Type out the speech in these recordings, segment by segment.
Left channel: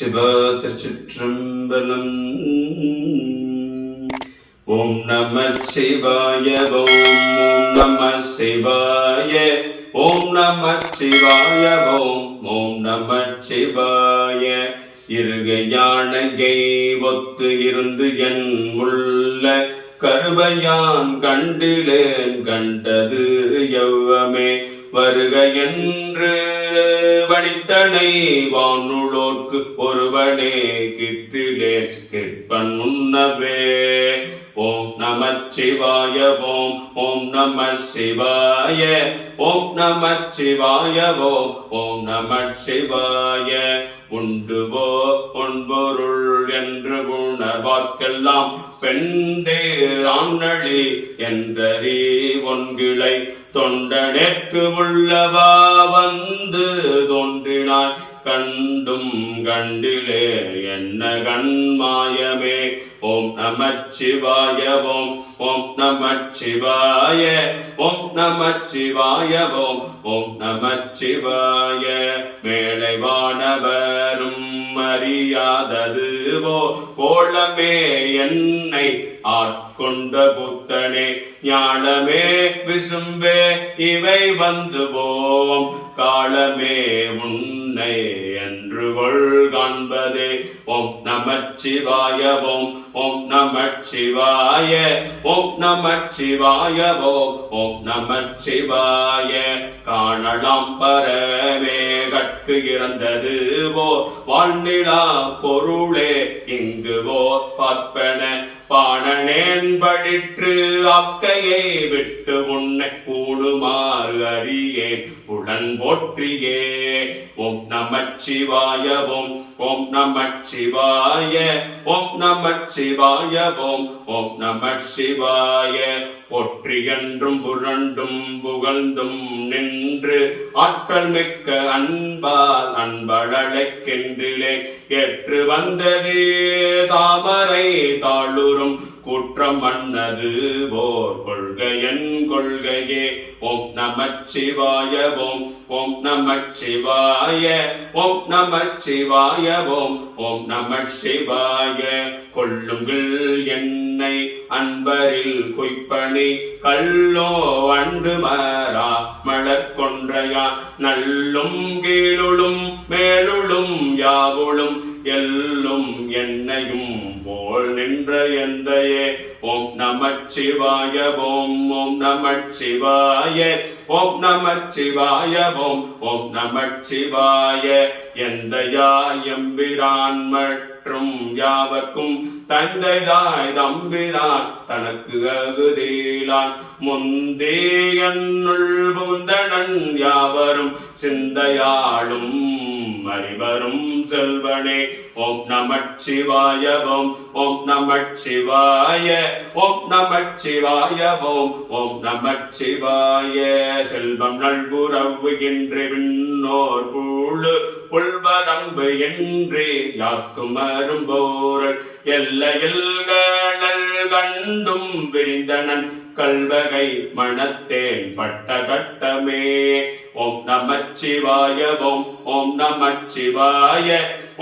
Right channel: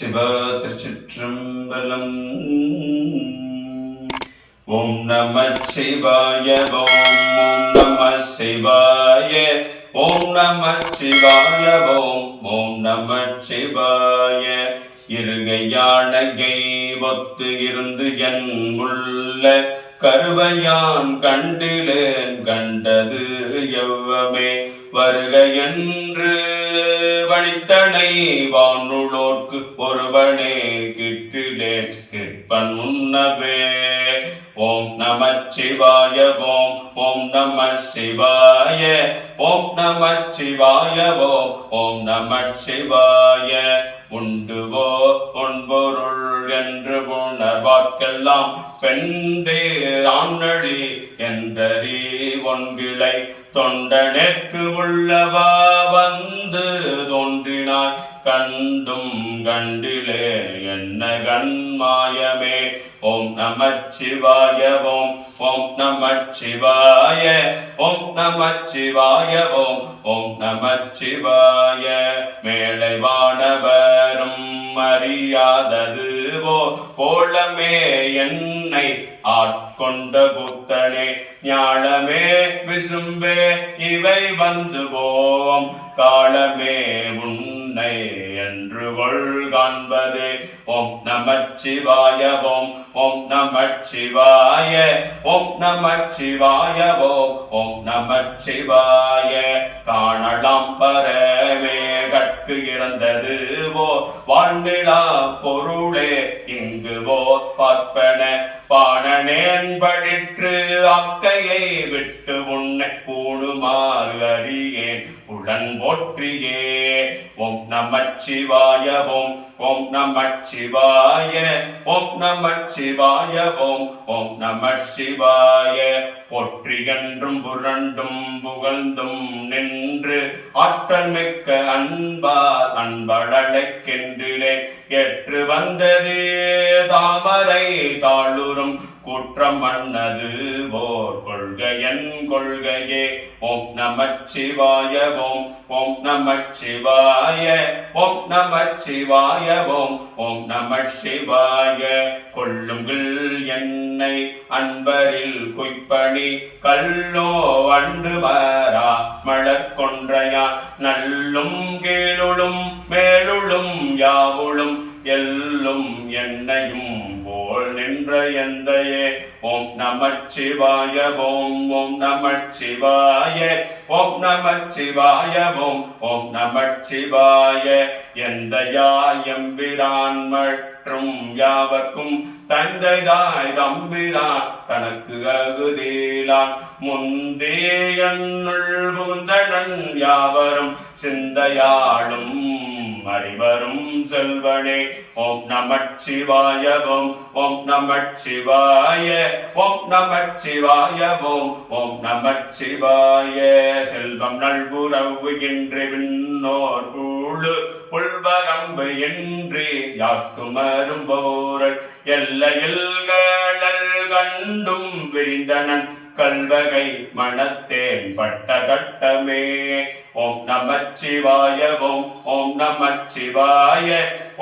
சிவ திருச்சிற்றம்பலம். ஓம் நம சிவாய ஓம் ஓம் நம சிவாய ஓம் நம சிவாய ஓம் ஓம் நம சிவாய. இருகையானகை ஒத்து இருந்து என் உள்ள கருவையான் கண்டிலேன் கண்டது எவ்வமே. வருக என்று வடித்தனை வானுளோர்க்கு ஒருவனே கிட்டிலே. கிட்பன் முன்னவே ஓம் நம சிவாய ஓம் ஓம் நம சிவாய ஓம் நம சிவாய ஓம் ஓம் நம சிவாய. உண்டுவோ பொன்பொருள் என்று உணர்வாக்கெல்லாம் பெண்டே ஆண்ணழி என்றறி ஒன்கிளை. தொண்டனேற்கு உள்ளவா வந்து தோன்றினாய். கண்டும் கண்டிலே என்ன கண்மாயமே. ஓம் நமச்சிவாய ஓம் ஓம் நமச்சிவாய ஓம் நமச்சிவாய ஓம் ஓம் நமச்சிவாய மேலை வானவரும் அறியாதது ஓ கோலமே என்னை கொண்ட புத்தனே ஞானமே விசும்பே இவை வந்து போம். காலமே உன்னை என்று கொள் காண்பதே. ஓம் நமச்சிவாய ஓம் ஓம் நமச்சிவாய ஓம் நமச்சிவாய ஓம் ஓம் நமச்சிவாய. காணலாம் பரமே கற்கு இறந்தது ஓ வாழ்நிலா பொருள் உடன் போற்றியே. ஓம் நம சிவாய ஓம் ஓம் நம சிவாய ஓம் நம சிவாய ஓம் ஓம் நம சிவாய போற்றி புரண்டும் புகழ்ந்தும் நின்று ஆற்றல் மிக்க அன்பால் அன்பழலைக்கென்றிலே ஏற்று வந்ததே. தாமரை தாளுரும் குற்றம் மன்னது ஓர் கொள்கையன் கொள்கையே. ஓம் நம சிவாய ஓம் ஓம் நம சிவாய ஓம் நம சிவாய ஓம் ஓம் நம சிவாய. கொள்ளுங்கள் என்னை அன்பரில் குய்ப்பணி கல்லோ அண்டு வரா மழக்கொன்றையான் நல்லும் கீழுளும் மேலுளும் யாவுளும் எல்லும் என்னையும் போல் நின்ற எந்தையே. ஓம் நமச்சிவாய ஓம் ஓம் நமச்சிவாய ஓம் நமச்சிவாய ஓம் ஓம் நமச்சிவாய. சிவாய எந்தையா எம்பிரான் மற்றும் யாவர்க்கும் தந்தை தாய் தம்பிரான் தனக்கு அகுதேலான் முந்தே என்னுள் புந்தனன் யாவரும் சிந்தையாளும் செல்வனே. ஓம் நமச்சிவாய ஓம் ஓம் நமச்சிவாய ஓம் நமச்சிவாய ஓம் ஓம் நமச்சிவாய செல்வம் நல்புறவு என்று விண்ணோர் பூழு புல்வரம்பு என்று யாக்கும் அரும்போரல் எல்லையில் கண்டும் விரிந்தனன் கல்வகை மணத்தேன் பட்ட கட்டமே. ஓம் நமச்சிவாய ஓம் ஓம் நமச்சிவாய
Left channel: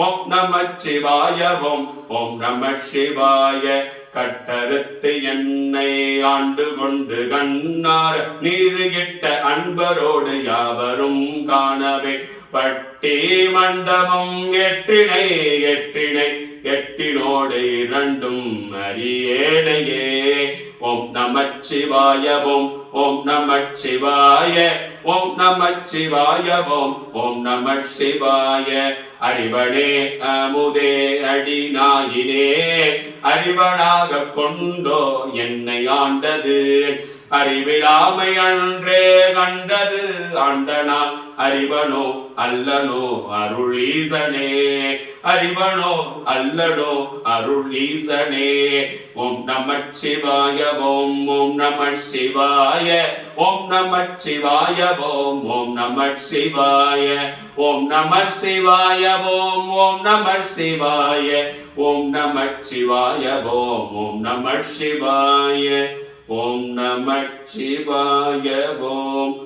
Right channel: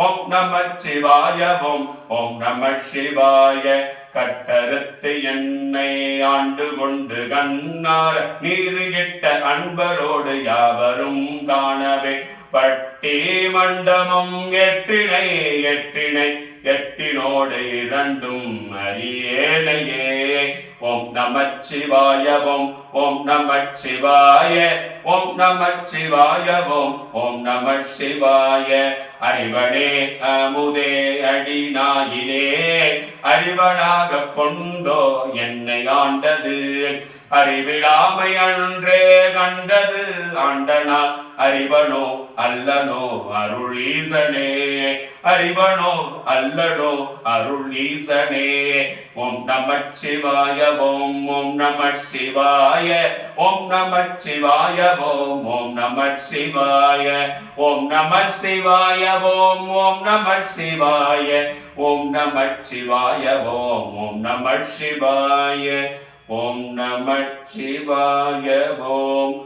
ஓம் நமச்சிவாய ஓம் ஓம் நம சிவாய கட்டறுத்து என்னை ஆண்டு கொண்டு கண்ணார நீரு கெட்ட அன்பரோடு யாவரும் காணவே. பட்டி மண்டபம் எற்றினை எற்றினை எட்டினோடு இரண்டும் அறியேனையே ஓம் சிவாய ஓம் ஓம் நம சிவாய ஓம் நம சிவாய ஓம் ஓம் நம சிவாய அறிவனே அமுதே அடிநாயினே அறிவனாக கொண்டோ என்னை ஆண்டது. அறிவிழாமை அன்றே கண்டது ஆண்டனால் அறிவனோ அல்லனோ அருள் ஈசனே. அறிவனோ அல்லனோ அருள் ஈசனே. ஓம் நம சிவாய ஓம் ஓம் நம சிவாய ஓம் நம சிவாய ஓம் ஓம் நம சிவாய. ஓம் நம சிவாய ஓம் ஓம் நம சிவாய. ஓம் நம சிவாய ஓம் ஓம் நம சிவாய. ஓம் நம சிவாய ஓம்